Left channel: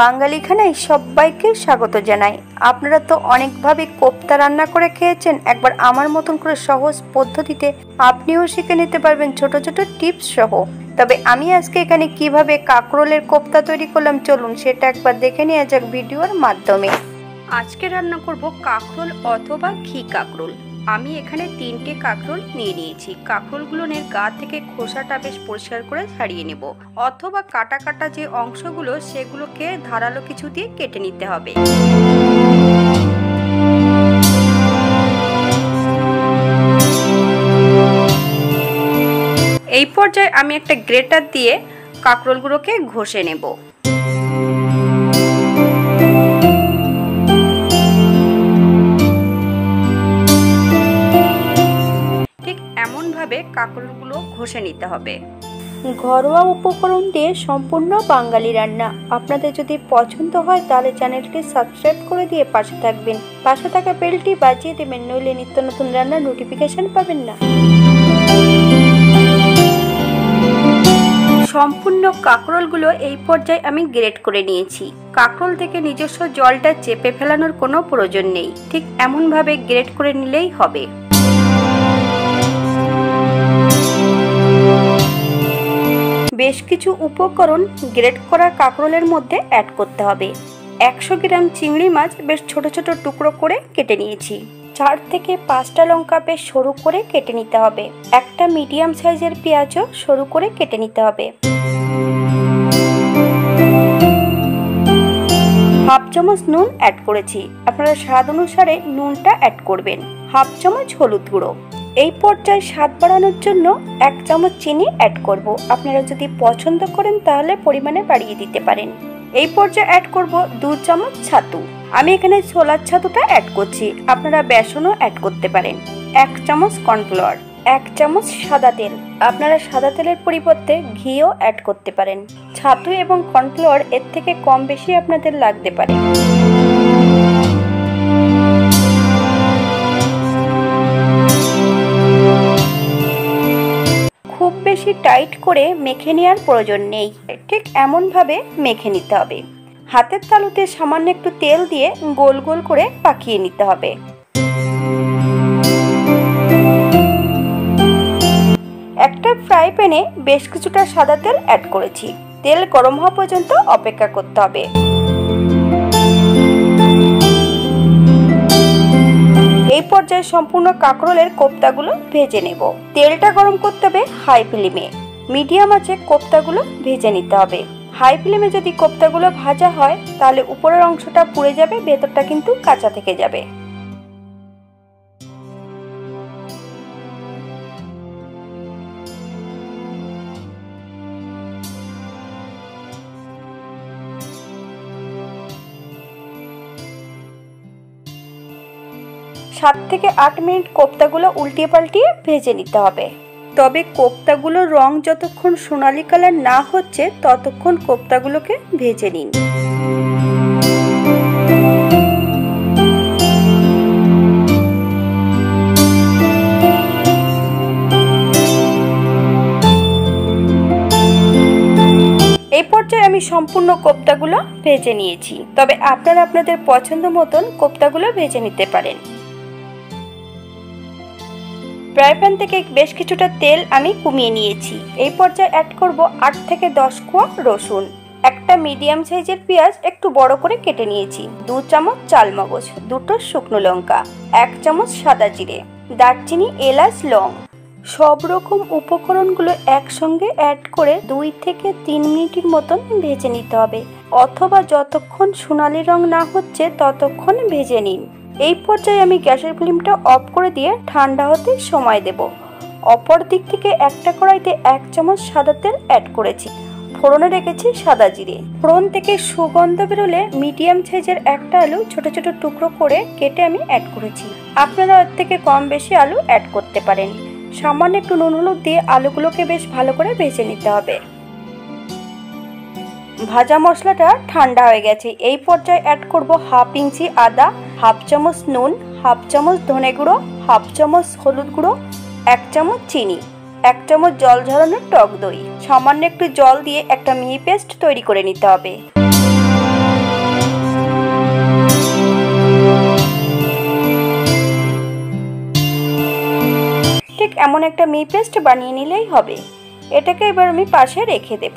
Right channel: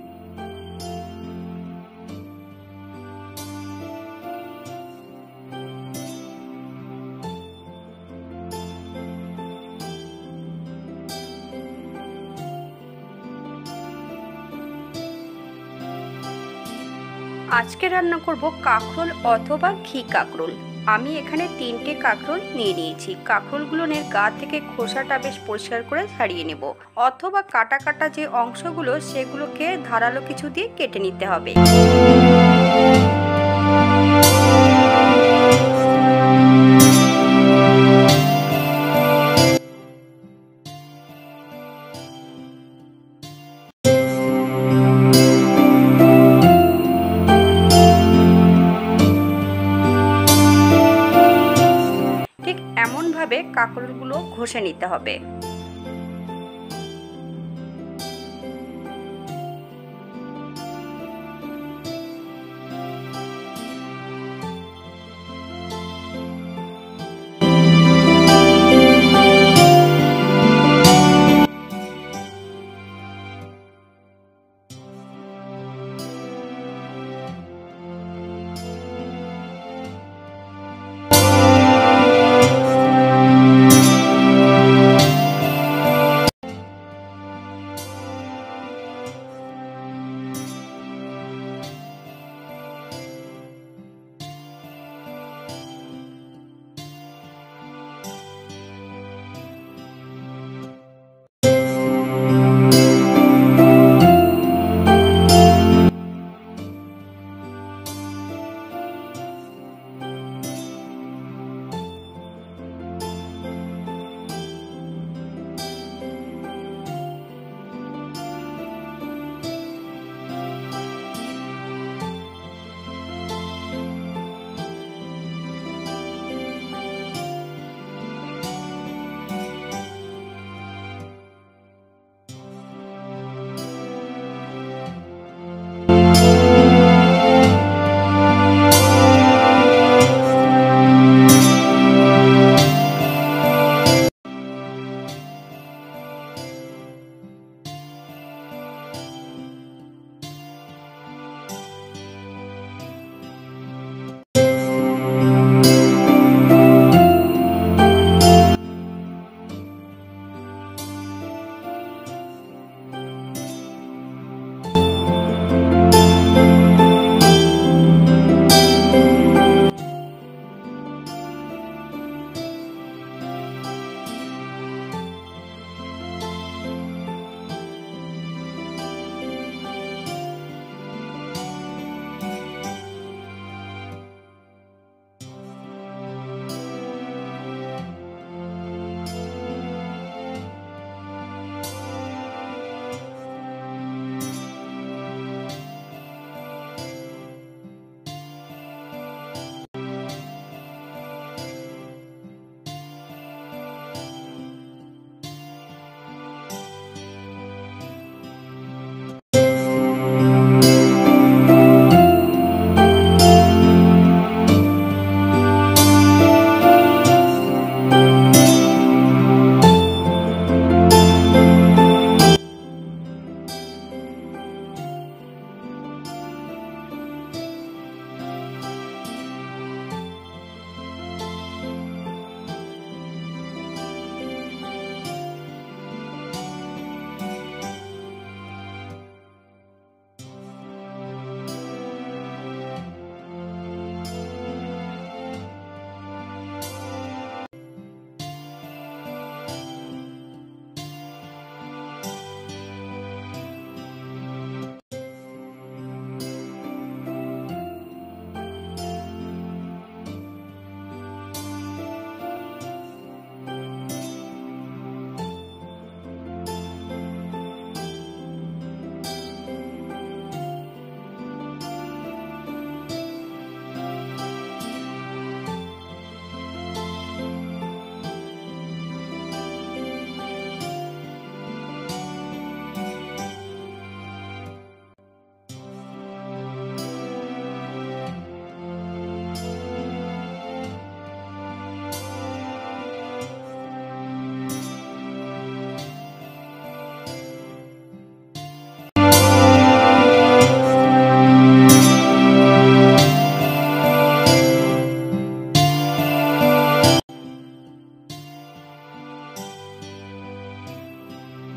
বাঙালি খানায় সবাইকে স্বাগত জানাই। আপনারা তো অনেকভাবে কোপ্তা রান্না করে খেয়েছেন। একবার আমার মতন করে সহজ পদ্ধতিতে আপনিও শিখে নিতে পারবেন ছোট ছোট টিপস সহ। তবে আমি আজকে এখানে কিভাবে কাঁকরোলের কোপ্তা তৈরি করলাম চলুন সেটা একবার দেখে নেওয়া যাক ভিডিওর মাধ্যমে। আজকে রান্না করব কাঁকরোল অথবা ঘি কাঁকরোল। আমি এখানে 3টে কাঁকরোল নিয়ে নিয়েছি। কাঁকরোলগুলোর গা থেকে খোসাটা বেশ পরিষ্কার করে ছাড়িয়ে নেব, অথবা কাটা কাটা যে অংশগুলো সেগুলোকে ধারালো কিছু দিয়ে কেটে নিতে হবে। এই পর্যায়ে আমি একটা গ্রেটার দিয়ে কাঁকরোলগুলোকে ঘষে নেব। এমনভাবে কাঁকরোলগুলো ঘষে নিতে হবে। ঘরোয়া উপকরণ দিয়ে সম্পূর্ণ বাঙালি রান্না। আপনাদের যদি পছন্দ হয় তাহলে চ্যানেলটি সাবস্ক্রাইব করে দিয়ে পাশে থাকবেন, পাশে থাকা বেলটি বাজিয়ে দেবেন, নইলে নিত্য নতুন রান্নার নোটিফিকেশন পাবেন না। সম্পূর্ণ কাঁকরোলগুলো এই পর্যায়ে আমি গ্রেট করে নিয়েছি। কাঁকরোল থেকে নিজস্ব জলটা চেপে ফেলানোর কোনো প্রয়োজন নেই, ঠিক এমনভাবে গ্রেট করে নিলেই হবে। বেশ কিছু উপকরণ গ্রেট করা কাঁকরোলের মধ্যে অ্যাড করতে হবে। 100 গ্রাম চিংড়ি মাছ বেশ ছোট ছোট টুকরো করে কেটে নিয়েছি। 4 থেকে 5টা লঙ্কা বেশ সরু করে কেটে নিতে হবে। একটা মিডিয়াম সাইজের পেঁয়াজও সরু করে কেটে নিতে হবে। হাফ চামচ নুন অ্যাড করেছি, আপনারা স্বাদ অনুসারে নুনটা অ্যাড করবেন। হাফ চামচ হলুদ গুঁড়ো। এই পর্যায়ে স্বাদ বাড়ানোর জন্য 1 চামচ চিনি অ্যাড করব। আপনারা যদি পছন্দ করেন তাহলে পরিমাণে বাড়িয়ে দিতে পারেন। এই পর্যায়ে অ্যাড করব 2 চামচ ছাতু। আমি এখানে ছোলার ছাতুটা অ্যাড করছি, আপনারা বেসনও অ্যাড করতে পারেন। 1 চামচ কর্নফ্লাওয়ার, 1 চামচ সাদা তেল, আপনারা সাদা তেলের পরিবর্তে ঘিও অ্যাড করতে পারেন। ছাতু এবং কর্নফ্লাওয়ার এর থেকে কম বেশি আপনাদের লাগতে পারে। খুব বেশি টাইট করে মেখে নেওয়ার প্রয়োজন নেই, ঠিক এমনভাবে মেখে নিতে হবে। হাতের তালুতে সামান্য একটু তেল দিয়ে গোল গোল করে পাকিয়ে নিতে হবে। একটা ফ্রাই প্যানে বেশ কিছুটা সাদা তেল অ্যাড করেছি। তেল গরম হওয়া পর্যন্ত অপেক্ষা করতে হবে। এই পর্যায়ে সম্পূর্ণ কাঁকরোলের কোপ্তাগুলো ভেজে নেব। তেলটা গরম করতে হবে হাই ফ্লেমে। মিডিয়াম আঁচে কোপ্তাগুলো ভেজে নিতে হবে। হাই ফ্লেমে যদি কোপ্তাগুলো ভাজা হয় তাহলে উপরের অংশটা পুড়ে যাবে, ভেতরটা কিন্তু কাঁচা থেকে যাবে। সাত থেকে 8 মিনিট কোপ্তাগুলো উল্টিয়ে পাল্টিয়ে ভেজে নিতে হবে। তবে কোপ্তাগুলোর রং যতক্ষণ সোনালী কালার না হচ্ছে ততক্ষণ কোপ্তাগুলোকে ভেজে নিন। এই পর্যায়ে আমি সম্পূর্ণ কোপ্তাগুলো ভেজে নিয়েছি, তবে আপনারা আপনাদের পছন্দ মতন কোপ্তাগুলো ভেজে নিতে পারেন। ফ্রাই প্যান থেকে বেশ কিছুটা তেল আমি কমিয়ে নিয়েছি। এই পর্যায়ে অ্যাড করব 8 থেকে 10 কোয়া রসুন। একটা মিডিয়াম সাইজের পেঁয়াজ একটু বড় করে কেটে নিয়েছি। 2 চামচ চালমগজ, 2টো শুকনো লঙ্কা, 1 চামচ সাদা জিরে, দারচিনি, এলাচ, লং। সব রকম উপকরণগুলো একসঙ্গে অ্যাড করে 2 থেকে 3 মিনিটের মতন ভেজে নিতে হবে, অথবা যতক্ষণ সোনালী রং না হচ্ছে ততক্ষণ ভেজে নিন। এই পর্যায়ে আমি গ্যাসের ফ্লেমটা অফ করে দিয়ে ঠান্ডা হতে সময় দেব। অপর দিক থেকে একটা কড়াইতে 1 চামচ সাদা তেল অ্যাড করেছি। ফোড়নে রেখেছি সাদা জিরে। ফোড়ন থেকে সুগন্ধ বেরোলে মিডিয়াম সাইজের একটা আলু ছোট ছোট টুকরো করে কেটে আমি অ্যাড করেছি। আপনারা এর থেকে কম বেশি আলু অ্যাড করতে পারেন। সামান্য একটু নুন হলুদ দিয়ে আলুগুলোকে বেশ ভালো করে ভেজে নিতে হবে। ভাজা মশলাটা ঠান্ডা হয়ে গেছে। এই পর্যায়ে অ্যাড করব 1/2 ইঞ্চি আদা, 1/2 চামচ নুন, 1/2 চামচ ধনে গুঁড়ো, 1/2 চামচ হলুদ গুঁড়ো, 1 চামচ চিনি, 1 চামচ জল ঝরানো টক দই। সামান্য একটু জল দিয়ে একটা মিহি পেস্ট তৈরি করে নিতে হবে। ঠিক এমন একটা মিহি পেস্ট বানিয়ে নিলেই হবে। এটাকে এবার আমি পাশে রেখে দেব।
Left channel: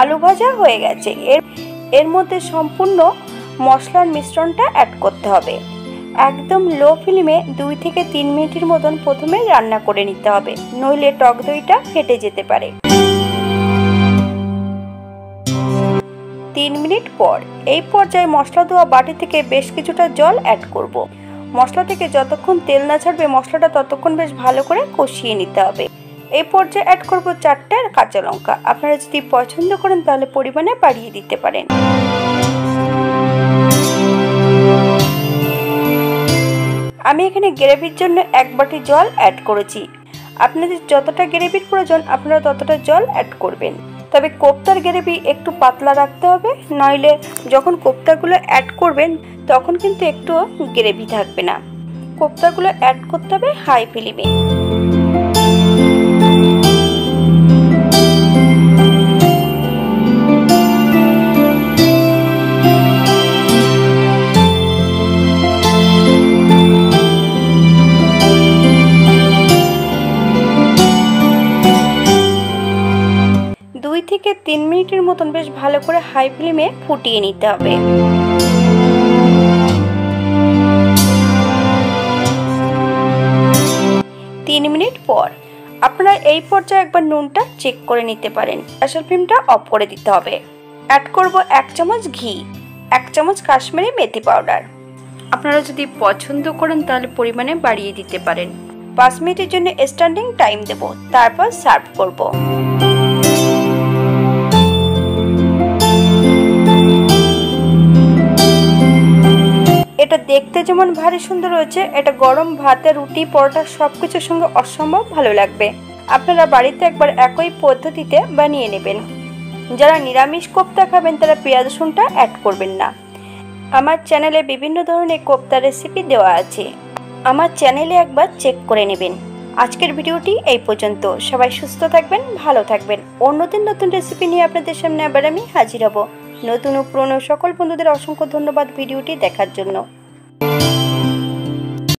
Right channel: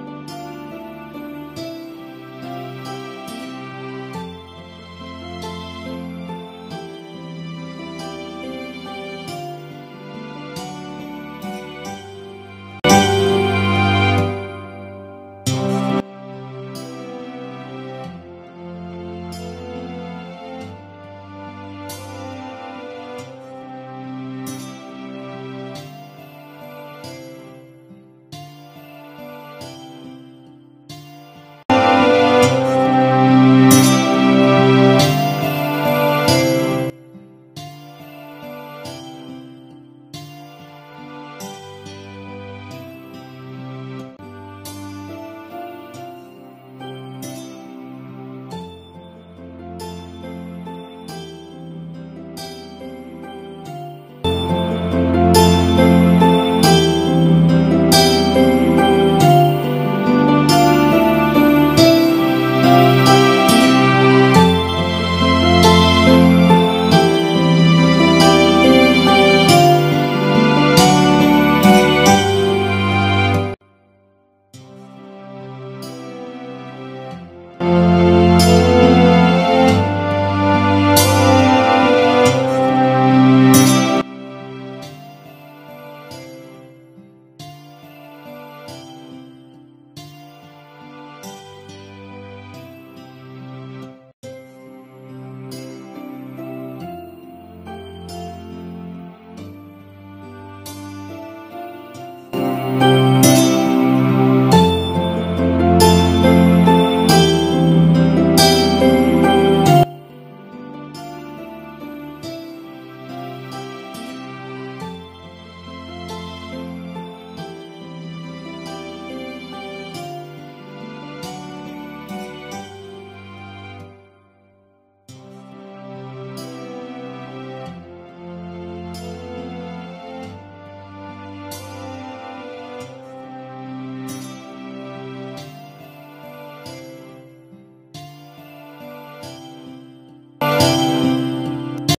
আলু ভাজা হয়ে গেছে। এর মধ্যে সম্পূর্ণ মশলার মিশ্রণটা অ্যাড করতে হবে। একদম লো ফ্লেমে 2 থেকে 3 মিনিটের মতন প্রথমে রান্না করে নিতে হবে, নইলে টক দইটা ফেটে যেতে পারে। 3 মিনিট পর এই পর্যায়ে মশলা ধোয়া বাটি থেকে বেশ কিছুটা জল অ্যাড করব। মশলা থেকে যতক্ষণ তেল না ছাড়বে মশলাটা ততক্ষণ বেশ ভালো করে কষিয়ে নিতে হবে। এই পর্যায়ে অ্যাড করব 4টে কাঁচা লঙ্কা। আপনারা যদি পছন্দ করেন তাহলে পরিমাণে বাড়িয়ে দিতে পারেন। আমি এখানে গ্রেভির জন্য 1 বাটি জল অ্যাড করেছি। আপনাদের যতটা গ্রেভির প্রয়োজন আপনারা ততটা জল অ্যাড করবেন। তবে কোপ্তার গ্রেভি একটু পাতলা রাখতে হবে, নইলে যখন কোপ্তাগুলো অ্যাড করবেন তখন কিন্তু একটু গ্রেভি থাকবে না। কোপ্তাগুলো অ্যাড করতে হবে হাই ফ্লেমে। থেকে 3 মিনিটের মতন বেশ ভালো করে হাই ফ্লেমে ফুটিয়ে নিতে হবে। 3 মিনিট পর আপনারা এই পর্যায়ে একবার নুনটা চেক করে নিতে পারেন। গ্যাসের ফ্লেমটা অফ করে দিতে হবে। অ্যাড করব 1 চামচ ঘি, 1 চামচ কাশ্মীরি মেথি পাউডার। আপনারা যদি পছন্দ করেন তাহলে পরিমাণে বাড়িয়ে দিতে পারেন। 5 মিনিটের জন্য স্ট্যান্ডিং টাইম দেব, তারপর সার্ভ করব। এটা দেখতে যেমন ভারী সুন্দর হয়েছে, এটা গরম ভাতে, রুটি, পরোটা সবকিছুর সঙ্গে অসম্ভব ভালো লাগবে। আপনারা বাড়িতে একবার একই পদ্ধতিতে বানিয়ে নেবেন। যারা নিরামিষ কোপ্তা খাবেন তারা পেঁয়াজ রসুনটা অ্যাড করবেন না। আমার চ্যানেলে বিভিন্ন ধরনের কোপ্তা রেসিপি দেওয়া আছে, আমার চ্যানেলে একবার চেক করে নেবেন। আজকের ভিডিওটি এই পর্যন্ত। সবাই সুস্থ থাকবেন, ভালো থাকবেন। অন্যদিন নতুন রেসিপি নিয়ে আপনাদের সামনে আবার আমি হাজির হব। নতুন ও পুরনো সকল বন্ধুদের অসংখ্য ধন্যবাদ ভিডিওটি দেখার জন্য।